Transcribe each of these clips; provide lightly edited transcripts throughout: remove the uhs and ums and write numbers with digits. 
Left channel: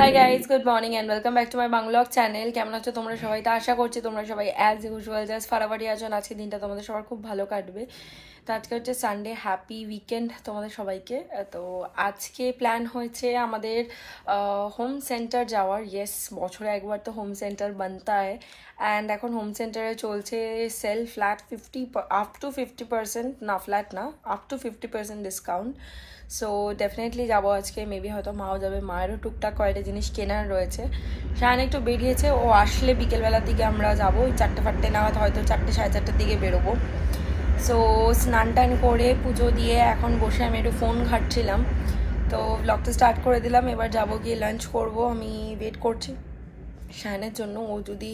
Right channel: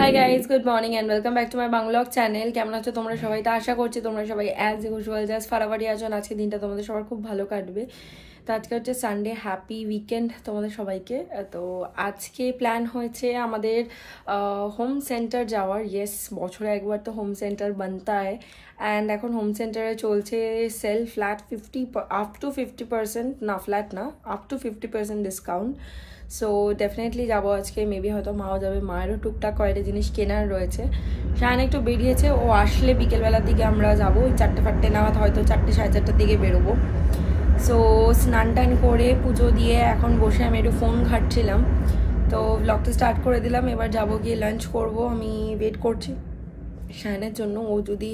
High guys, good morning and welcome back to my vlog channel. কেমন আছো তোমরা সবাই? তো আশা করছি তোমরা সবাই অ্যাজ ইউজুয়াল জাস্ট ফারাবাড়ি আছো। আজকে দিনটা তোমাদের সবার খুব ভালো কাটবে। তো আজকে হচ্ছে সানডে, হ্যাপি উইকেন্ড তোমাদের সবাইকে। তো আজকে প্ল্যান হয়েছে আমাদের হোম সেন্টার যাওয়ার। ইয়েস, বছরে একবার তো হোম সেন্টার বানতা হয়। অ্যান্ড এখন হোম সেন্টারে চলছে সেল ফ্ল্যাট 50 আপ টু 50%, না ফ্ল্যাট না, up to 50% discount. So definitely যাবো আজকে। মেবি হয়তো মাও যাবে, মায়েরও টুকটাক কয়েকটা জিনিস কেনার রয়েছে। শায়ন একটু বেরিয়েছে, ও আসলে বিকেলবেলার দিকে আমরা যাবো। ওই 4টে নাগাদ, হয়তো 4টে সাড়ে 4টার দিকে বেরোবো। সো স্নান টান করে পুজো দিয়ে এখন বসে আমি একটু ফোন ঘাটছিলাম। তো ব্লগটা স্টার্ট করে দিলাম। এবার যাবো, গিয়ে লাঞ্চ করব। আমি ওয়েট করছি শায়নের জন্য। ও যদি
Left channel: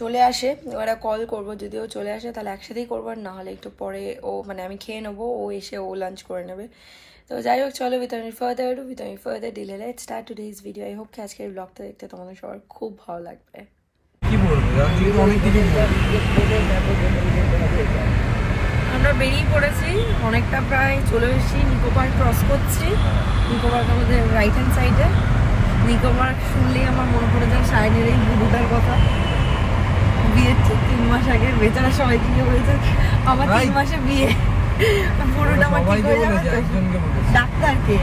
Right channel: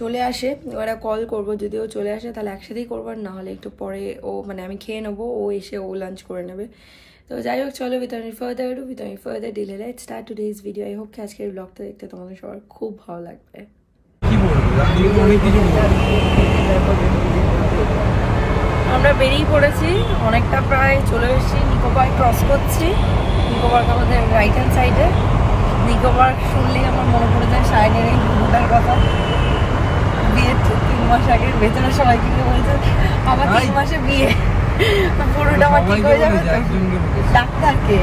চলে আসে এবার কল করবো। যদি ও চলে আসে তাহলে একসাথেই করবো, আর না হলে একটু পরে ও মানে আমি খেয়ে নেবো, ও এসে ও লাঞ্চ করে নেবে। তো যাই হোক, চলো without further delay let's start today's video. I hope কি আজকের ব্লগটা দেখতে তোমাদের সবার খুব ভালো লাগবে। আমরা বেরিয়ে পড়েছি, অনেকটা প্রায় চলে এসেছি। নিকো পার্ক ক্রস করছি। নিকো পার্ক আমাদের রাইট হ্যান্ড সাইডে। নিকো পার্ক শুনলেই আমার মনে পড়ে যায় শায়নের এই বুড়োটার কথা। বিয়ের 3 মাস আগে ভেতরে সবাই কি বলছে, আমার 3 মাসে বিয়ে। ডাক্তারকে।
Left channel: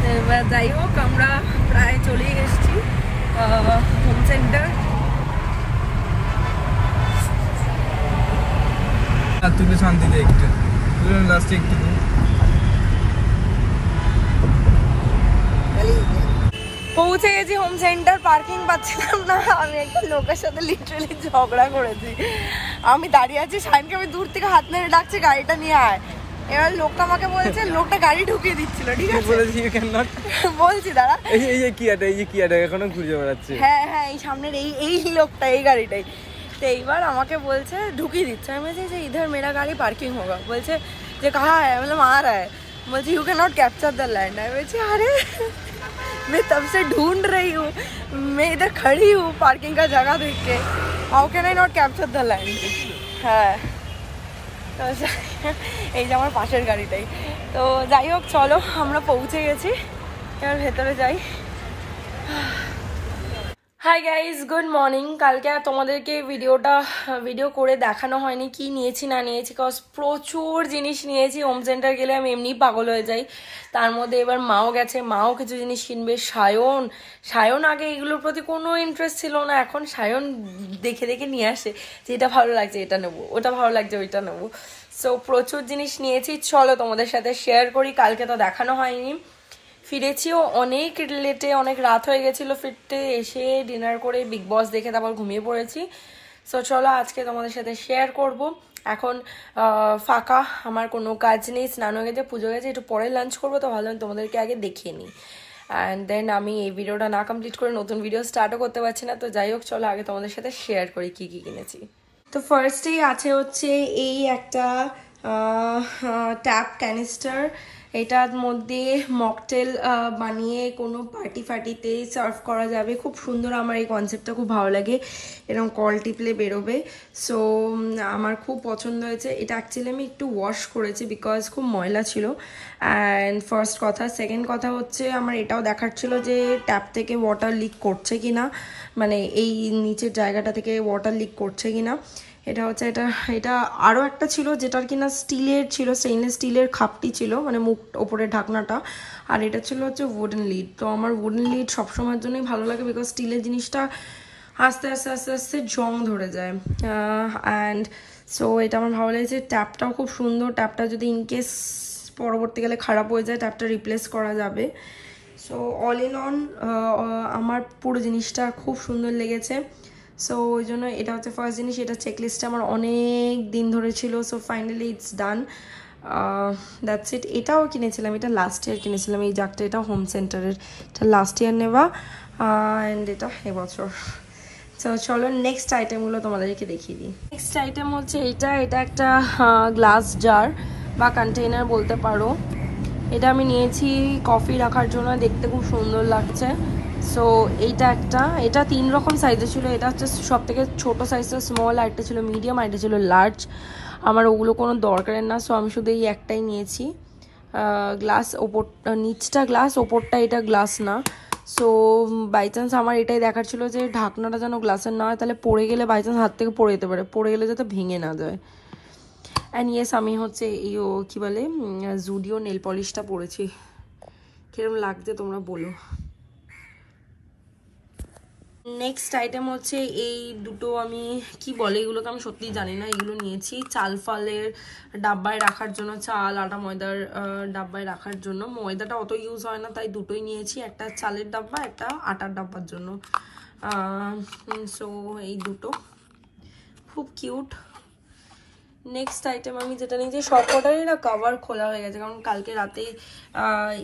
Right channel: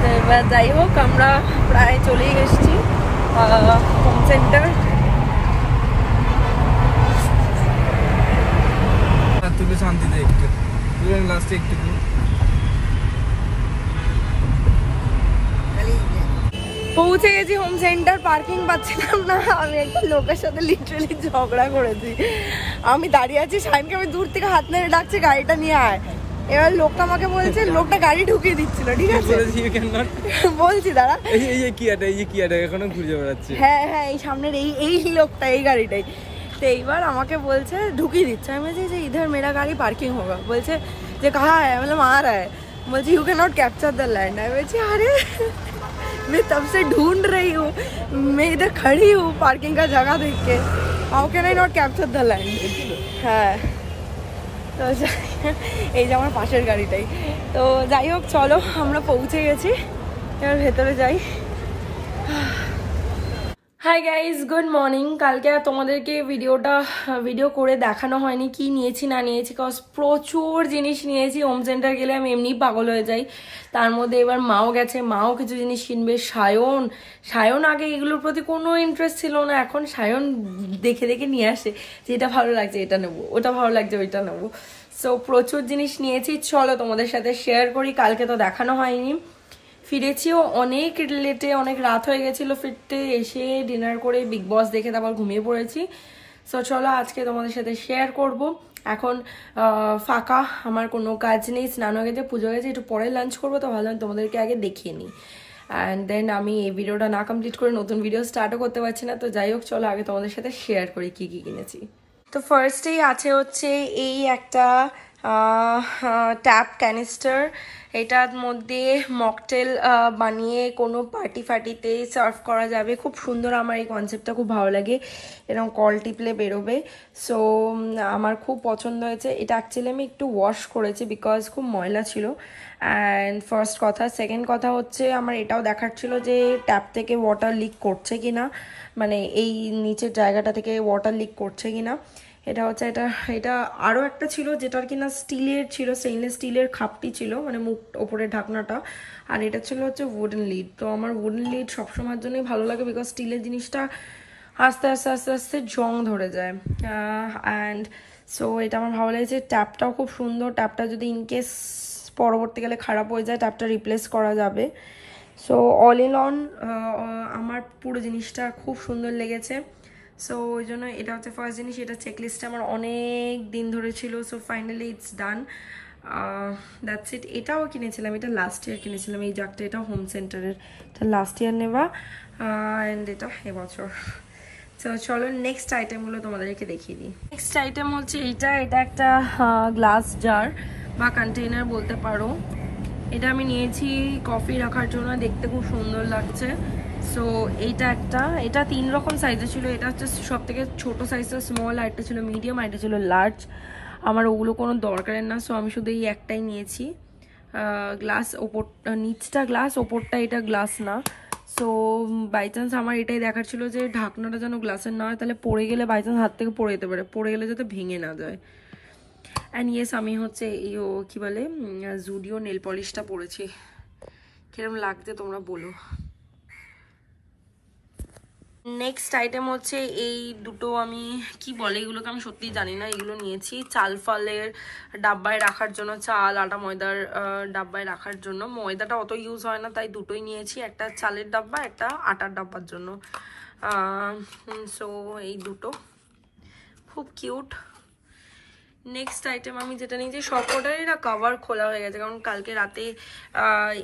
তো এবার যাই হোক, আমরা প্রায় চলেই এসেছি হোম সেন্টার। তুলে শান্তি দে একটু, তুলে লাস্টে একটু। পৌঁছে গেছি হোম সেন্টার। পার্কিং পাচ্ছিলাম না। আমি একটা লোকের সাথে লিটারালি ঝগড়া করেছি। আমি দাঁড়িয়ে আছি, শায়নকে আমি দূর থেকে হাত নেড়ে ডাকছি গাড়িটা নিয়ে আয়। এবার লোকটা আমাকে বলছে, লোকটা গাড়ি ঢুকিয়ে দিচ্ছিল। ঠিক আছে বলছি দাঁড়া, এখনো খুঁজে বেড়াচ্ছি। হ্যাঁ হ্যাঁ, এই সামনের এই লোকটা, এই গাড়িটাই। তো এইবার আমাকে বলছে ঢুকিয়ে দিচ্ছে। আমি বলছি যে ইধার মেরা গাড়ি পার্কিং হোগা। বলছে যে কাহা হ্যায়? मतलब आ रहा है। বলছি you can not capture the land. আমি বলছি আরে मैं तब से ढूंढ रही हूँ, मैं इधर खड़ी हूँ पार्किंग का जगह देख के। How can I not capture the land? হ্যাঁ, তো এই যে আমার পাশের গাড়িটাই। তো যাই হোক, চলো আমরা পৌঁছে গেছি, এবার ভেতরে যাই। High guys, good morning. কালকে তোমাদেরকে ভিডিও করে দেখানো হয়নি কি নিয়েছি না নিয়েছি, কজ প্রচুর জিনিস নিয়েছি। হোম সেন্টার গেলে আমি এমনি পাগল হয়ে যাই। তার মধ্যে এবার মাও গেছে, মাও কিছু জিনিস কিনবে। সায়ন আগে এগুলোর প্রতি কোনো ইন্টারেস্ট ছিল না, এখন সায়ন দেখে দেখে নিয়ে আসে যে এটা ভালো লাগছে এটা নেবো, ওটা ভালো লাগছে ওইটা নেবো। সো প্রচুর জিনিস নিয়েছি, চলো তোমাদের সাথে শেয়ার করি। কালকে তো দেখানো হয়নি। ফিরেছিও অনেক লেটে, অনেক রাত হয়ে গেছিল ফিরতে। এসে ডিনার করে বিগ বস দেখে তারপর ঘুমিয়ে পড়েছি। সো চলো আজকে তোমাদের সাথে শেয়ার করব। এখন ফাঁকা, আমার কোনো কাজ নেই, স্নান হয়ে গেছে, পুজো হয়ে গেছে, একটু পরে লাঞ্চ করবো। তো ভাবলাম তোমাদেরকে আগে দেখিয়ে নিই। অ্যান্ড দেন আমি এই ভিডিওটা না কমপ্লিট করে নতুন ভিডিও স্টার্টও করতে পারছি না। তো যাই হোক, চলো আগে তোমাদের সাথে শেয়ার করি কি কি কিনেছি। তো ফার্স্টেই আছে হচ্ছে এই একটা ট্যাপ ক্যানিস্টার। এটার মধ্যে মকটেল বানিয়ে কোনো পার্টি ফার্টিতে সার্ভ করা যাবে। খুব সুন্দর, আমার এই কনসেপ্টটা খুব ভালো লাগে। এরকম কল টিপলে বেরোবে। সো আমার খুব পছন্দ হয়েছে এটা। অ্যাকচুয়ালি আমি একটু ওয়াশ করেছি বিকজ খুব ময়লা ছিল। অ্যান্ড ফার্স্ট কথা। সেকেন্ড কথা হচ্ছে, আমার এটাও দেখার ছিল যে ট্যাপ থেকে ওয়াটার লিক করছে কিনা, মানে এই নিচের জায়গাটা থেকে ওয়াটার লিক করছে কিনা। এটা হচ্ছে এটা আরও একটা ছিল যেটার কিনা স্টিলের ছিল, স্টেইনলেস স্টিলের খাপটি ছিল, মানে মুখ ওপরের ঢাকনাটা। আর এটা ছিল হচ্ছে উডেন লিড। তো আমার উডেন লিড সবসময়ের জন্যই ভালো লাগে বিকজ স্টিলের জিনিসটা আস্তে আস্তে আস্তে আস্তে জং ধরে যায়। অ্যান্ড সো এটা আমার ভালো লেগেছে। ট্যাপটাও খুব সুন্দর। ট্যাপটা যদি ইনকেস পরবর্তীকালে খারাপ হয়ে যায়, ট্যাপটা রিপ্লেস করা যাবে। সো অল ইন অন আমার পুরো জিনিসটা খুব সুন্দর লেগেছে। সো ওই জন্য এটা হচ্ছে ফার্স্ট জিনিস। এটা চেকলিস্টে আমার অনেক দিন ধরে ছিল। So finally it's done, that's it. এটাও কিনেছিলাম, এটা লাস্ট ইয়ার কিনেছিলাম এই জাগটা। এটা হোম সেন্টারের, এটা লাস্ট ইয়ার নেওয়া। অ্যান্ড এটা এবছর। সো চলো নেক্সট আইটেমগুলো তোমাদেরকে দেখিয়ে দিই। নেক্সট আইটেম হচ্ছে এটা একটা গ্লাস জার বা কন্টেনার বলতে পারো। এটা আমি নিয়েছি কফি রাখার জন্য, দেখতে খুব সুন্দর লাগছে। সো এটা 3 রকম সাইজে ছিল। এটা হচ্ছে সব থেকে ছোটো সাইজটা স্মল, আর একটা ছিল মিডিয়াম, আর এটা ছিল লার্জ। আমার ওগুলো কোনো দরকারের না, সো আমি শুধু এই একটাই নিয়েছি। গ্লাস ওপর, নিচটা গ্লাস, ওপরটা এটা গ্লাস না। সো বাই চান্স আমার এটাই দেখার ছিল যে ঢাকনাটা যেন গ্লাসের না হয়, তাহলে পড়ে গেলে বাই চান্স হাত থেকে পড়ে যেতে পারে, পড়ে গেলে যাতে ভেঙে না যায়। অ্যান্ড ইয়েস, আমি হচ্ছে এই কী বলে জুডিও নেল পলিশটা পরেছি। কিরকম লাগছে তোমরা বলো। নেক্সট আইটেম হচ্ছে এই দুটো, আমি কি বলে এগুলোকে আমি সত্যিই জানি না, এগুলো নিয়েছি চাল ফালের ডাব্বায় রাখার জন্য, চাল আটা ময়দার ডাব্বায় রাখার জন্য। ময়দাটা অত ইউজ হয় না তাই দুটোই নিয়েছি, একটা চালের ডাব্বা একটা আটার ডাব্বার জন্য। সো এই দুটো খুব কিউট। নেক্সট আইটেম আমি যেটা নিয়েছি, সব কটারই না কভার খোলা হয়ে গেছে, কারণ কালকে রাতে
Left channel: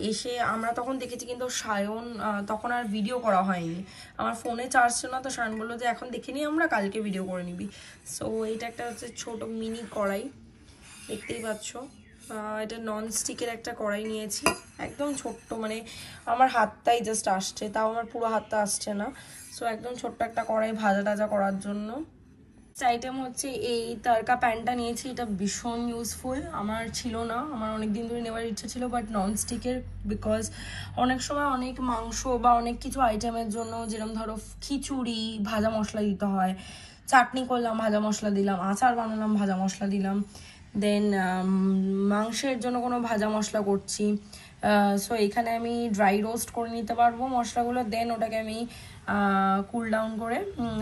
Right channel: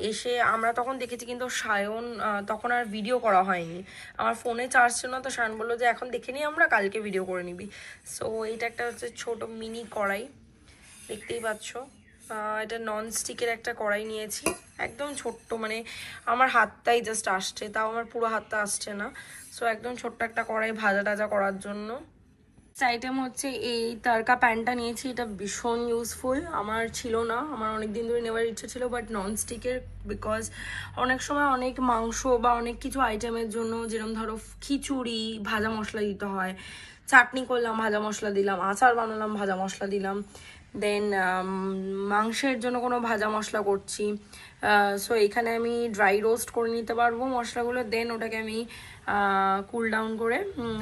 এসে আমরা তখন দেখেছি, কিন্তু সায়ন তখন আর ভিডিও করা হয়নি, আমার ফোনে চার্জ ছিল না, তো সায়ন বললো যে এখন দেখে নিই আমরা, কালকে ভিডিও করে নিবি। সো এটা একটা হচ্ছে ছোট মিনি কড়াই, দেখতেই পাচ্ছ। এটা নন স্টিকের একটা কড়াই নিয়েছি, একদম ছোট্ট, মানে আমার হাতটাই জাস্ট আসছে, তাও আমার পুরো হাতটা আসছে না। সো একদম ছোট্ট একটা কড়াই ভাজা টাজা করার জন্য। আইটেম হচ্ছে এই তারকা প্যানটা নিয়েছি, এটা ভীষণ ইউজফুল, আমার ছিল না, আমার অনেক দিন ধরে নেওয়ার ইচ্ছা ছিল, বাট নন স্টিকের, বিকজ অনেক সময় অনেক মাংস বা অনেক কিছু আইটেমের জন্য, যেরকম ধরো খিচুড়ি ভাজা মশলা দিতে হয়, চাটনি করলাম ভাজা মশলা দিলাম, আচার বানালাম ভাজা মশলা দিলাম, দেন মাংসের জন্য কোনো ভাজা মশলা করছি, সো এখানে আমি ড্রাই রোস্ট করে নিতে পারবো মশলাগুলো, দেন ওটাকে আমি কুল ডাউন করে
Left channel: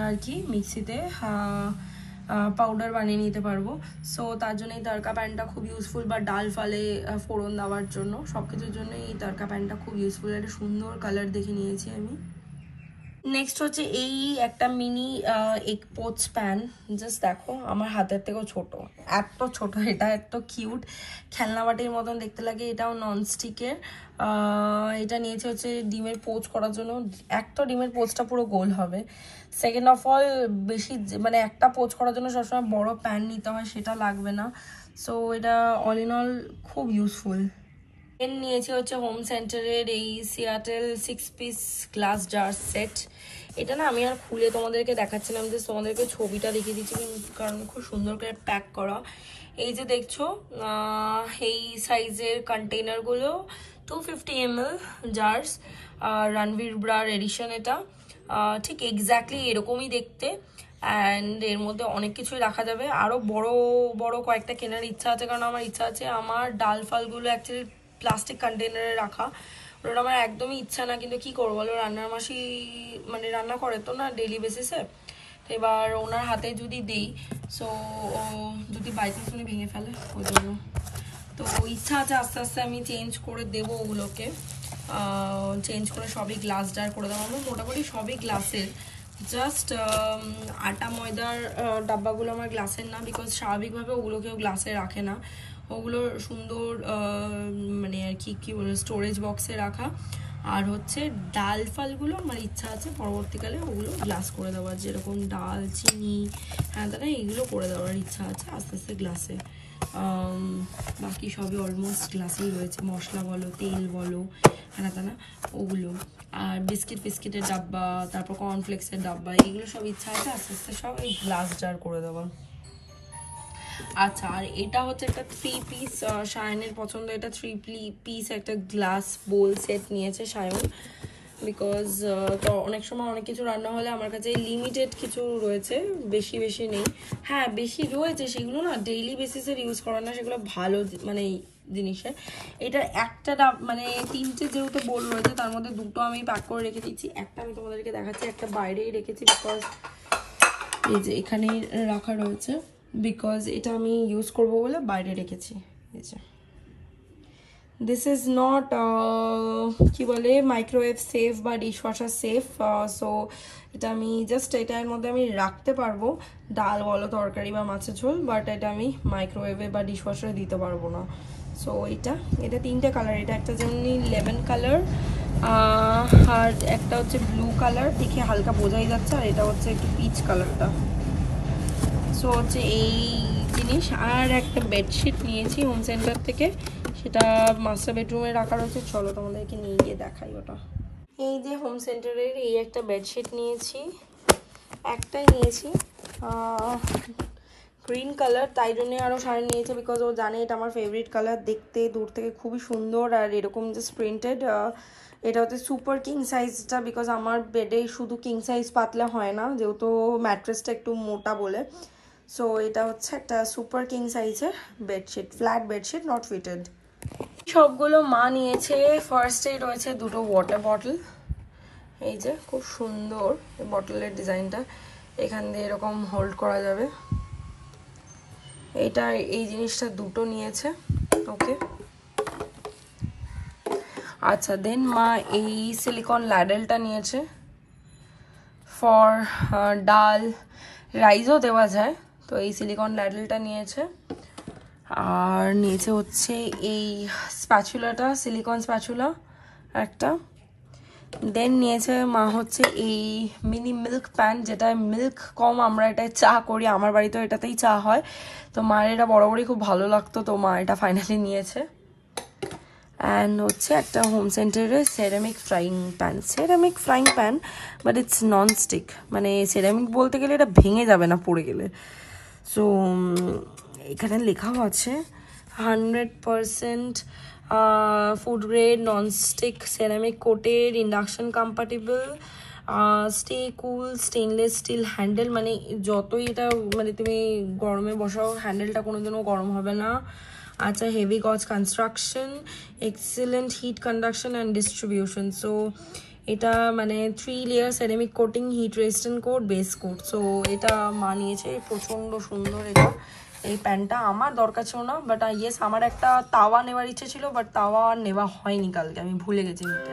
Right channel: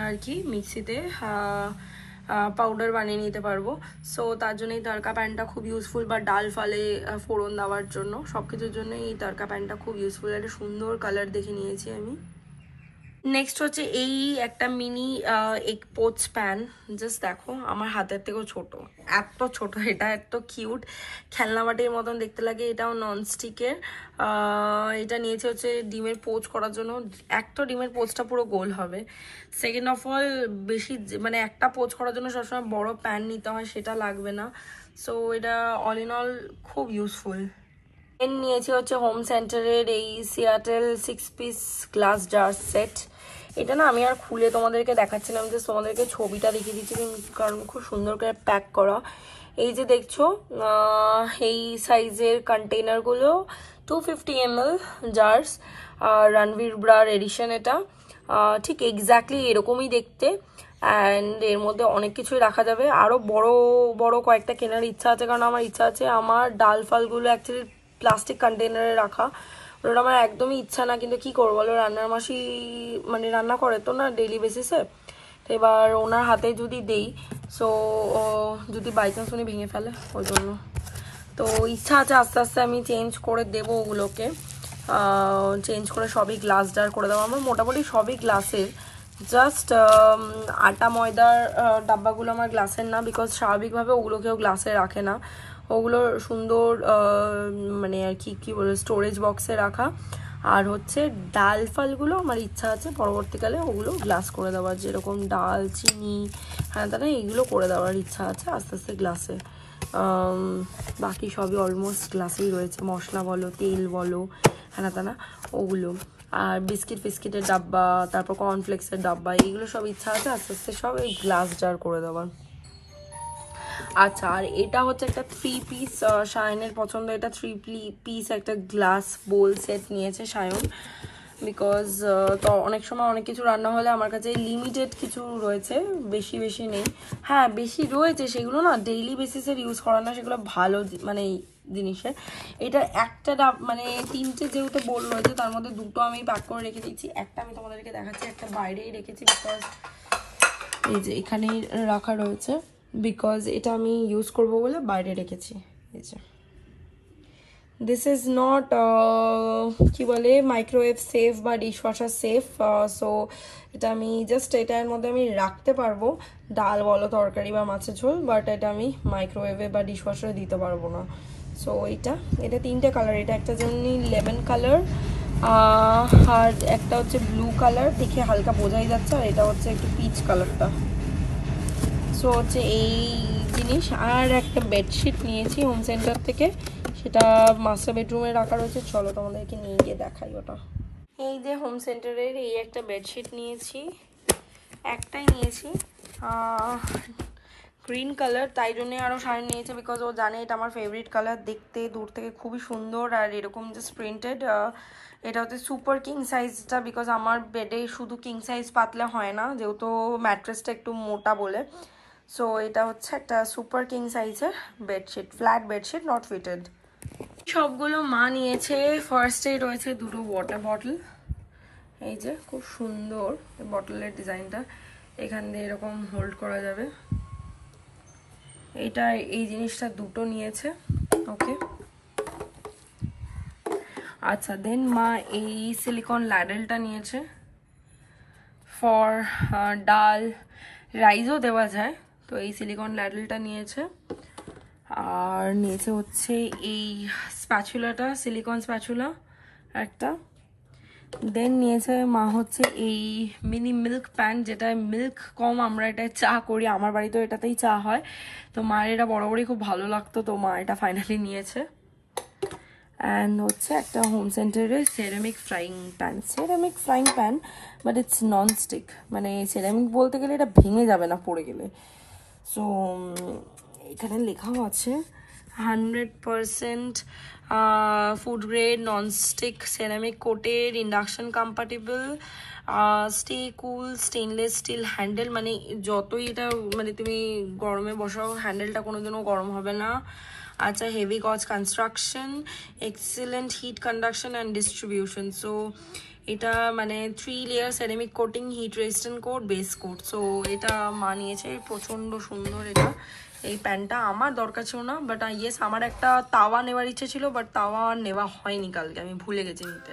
আর কি মিক্সিতে পাউডার বানিয়ে নিতে পারবো। সো তার জন্য এই তারকা প্যানটা খুব ইউজফুল, বা ডাল ফালে ফোড়ন দেওয়ার জন্য, সব কিছুর জন্য এই তারকা প্যানটা খুব ইউজফুল। একটা সুন্দর কালার দেখে নিয়েছি আমি। নেক্সট হচ্ছে এই একটা mini egg poach pan, just দেখো আমার হাতের থেকেও ছোট, এত ছোট, এটা এত কিউট, খেলনা বাটির মতন দেখতে লাগে। এটাও ননস্টিকের, এটা নিয়েছে হচ্ছে ডিমের পোচ করার জন্য। একটা ডিমের পোচটা পুরো গোল হবে, সেকেন্ড অফ অল বেশি মানে একটা পোচ করার জন্য সবসময় বড় প্যান নিতে হয়, সেটা লাগবে না। সো এটা অল ইন অল খুব ইউজফুল। নিয়েছি হচ্ছে হোম সেন্টারের এই Seattle 6 piece glass jar set. এটা না আমি আর খুলে তোমাদেরকে দেখাচ্ছিলাম, যে তোমাদেরকে ছবিটা দেখিয়ে দিচ্ছি, কারণ খুব সুন্দর করে প্যাক করা। এই যে দেখছো এই সাইজের কন্টেনারগুলো 250 ml jars, Ranveer Brar edition, এটা ঠিক এক্স্যাক্টলি এরকমই দেখতে, অ্যান্ড এর মধ্যে অনেক কিছুই রাখা যাবে। আরও বড় বড় কয়েকটা কেনার ইচ্ছা আছে, কারণ আমার ইচ্ছা আছে আমার ডাল ফালগুলো অ্যাকচুয়ালি প্লাস্টিক কন্টেনারে রাখা, ওটা আমার একদমই ইচ্ছা না, কিন্তু কি করবো বলো, রান্নার মাসি মানে রান্না করে তো না ডেইলি বেসিসে, তো এবার ওনার হাতে যদি দেই, সো যদি বাই চান্স উনি ভেঙে ফেলে, ওই জন্য তো ইচ্ছা আছে আস্তে আস্তে আমি চেঞ্জ করে দেবো ওগুলোকে, চেঞ্জ করে সবই গ্লাস জার করে দেবো। আমার মোটামুটি সবই গ্লাসের, জাস্ট আটা ময়দার ডাব্বাগুলো আমার গ্লাসের না, বিকজ স্বাভাবিকভাবে ওগুলোকেও গ্লাসে রাখে না, ওগুলো সুন্দর মানে আর কি বলে স্টোরেজ বক্সে রাখা। আর হচ্ছে ডাল ফালগুলো আমার ইচ্ছা আছে পরবর্তীকালে ওগুলো গ্লাস করে দেওয়ার, যেরকম ডাল চিনি হ্যাঁ দাদা এইগুলো করে দেওয়ার ইচ্ছা আছে আস্তে আস্তে গ্লাসে। বাকি সবই অলমোস্ট গ্লাসেই রয়েছে, মশলা বলো তেল বলো হ্যাঁ দাদা ওগুলো, আর বিস্কিটের ডাব্বা, তারপর কর্নফ্লেক্সের ডাব্বা, এইগুলো সব ইচ্ছা আছে আস্তে আস্তে সব এই গ্লাস জার করে দেওয়ার। আচ্ছা, আর এটা হচ্ছে একটা 3 পিস, সায়নের পছন্দ, এটা 3 পিস একটা গ্লাস বোল সেট নিয়েছে সায়ন, বিকজ তো অনেক সময় অনেক কিছু রান্না হলে আমার কাছে লিমিটেড কিছু রয়েছে, বেশি নেই, হ্যাঁ বেশি রয়েছে সেগুলো না ডেইলি বেসিসের ইউজ করা না, সেগুলো ভালো মানে জিনিসের। এটা একটা মানে 3টে যেহেতু বোল রয়েছে, তার মধ্যে 2টো আমি প্যাক করে রেখে দিচ্ছি, একটা আমি তোমাদেরকে দেখাচ্ছি, একটা বাইরেই রেখেছি, বিকজ এই যে এখানেই রাখা রয়েছে, বিকজ এটা আমি ইউজ করব বলে বাইরে রেখেছি। এই যে দিস ইজ নট কি বলে মাইক্রোওয়েভ সেফ বা ডিশওয়াশার সেফ, সো এটা আমি জাস্ট এটার মধ্যে আমি রাখতে পারবো ডাল বলো তরকারি বা মাছের ঝোল, বাট এটা আমি মাইক্রোওয়েভে বা ডিশওয়াশারে দিতে পারবো না। সো এটা 3টে কালার, এটা একটা যেমনি লেমন কালার, আর একটা হচ্ছে ব্লু কালার, দেখে হালকা বোঝাই যাচ্ছে, আর এটা হচ্ছে একটু পিচ কালারটা। সো হচ্ছে এই জিনিস। আর একটা বেডশিট নিয়েছি হোম সেন্টার থেকে, সেটা মাস্টার বেডরুমে রাখা রয়েছে, চলো তোমাদেরকে নিয়ে গিয়ে দেখাই ওটা। এই যে হোম সেন্টারের এই একটা বেডশিট নিয়েছি, একটাই নিয়েছি গ্রিন কালার, তাই জন্যে আরও শাড়ি নিয়েছে, বিকজ ও জানে এটা আমার ফেভারিট কালার, দেখতে দূর থেকে খুবই সুন্দর, আর এরকম জাস্ট প্রিন্টেড এটা হচ্ছে সুপার কিং সাইজটা, বিকজ আমার বেডে শুধু কিং সাইজ পাতলে হয় না, যেহেতু ম্যাট্রেসটা একটু মোটা বলে। সো এটা হচ্ছে একটা সুপার কিং সাইজের bedsheet, flat bedsheet, not fitted. সবগুলো মা নিয়েছে। ফার্স্টেই রয়েছে দুটো ওয়াটার বটল, এই যে খুব সুন্দর বটলের ডিজাইনটা, এখান দিয়ে এরকম হোল্ড করা যাবে। এটা এই জিনিসটা দুটো নিয়েছে, ওকে। আচ্ছা, দেন মা এই সিলিকন ল্যাডেলটা নিয়েছে, ফর ডাল রাইসও দেওয়া যায়, তো এই সিলিকন ল্যাডেলটা নিয়েছে। আর নিয়েছে হচ্ছে এই স্প্যাচুলাটা, সিলিকন স্প্যাচুলা একটা। দেন নিয়েছে মা হচ্ছে এই মিনি মিল্ক প্যান, যেটা মিল্ক কম আমরা এটায় চা করি, আমার বাড়িতেও এটাতেই চা হয়, তো মায়ের এটা বরাবরই খুব ভালো লাগতো, তো মা এটা ফাইনালি নিয়েছে। অ্যান্ড হচ্ছে একটা হোম সেন্টারের ceramic frying pan, but it's non stick, মানে সেরামিক বলতে গেলে এটা ভেঙে যাবে না পড়ে গেলে। সো এখানে লেখাও আছে 100% food grade non stick ceramic coated, induction compatible, stay cool, stainless steel handle, মানে যতই এটা মানে তুমি গরমে বসাও হ্যান্ডেলটা কোনোদিনও গরম হবে না। আচ্ছা, heavy gauge construction, excellent heat conduction and distribution. So এটা মানে 3 layer ceramic coating, heat resistant coat, base coat. So এটা মা নিয়েছে, প্রচণ্ড সুন্দর এটা। এই প্যানটা আমার দরকার ছিল না, বাট ইয়েস আমার একটা তাওয়া নেওয়ার ইচ্ছে ছিল, বাট তাওয়া নেওয়া হয়নি কালকে, আমি ভুলে গেছি নিতে।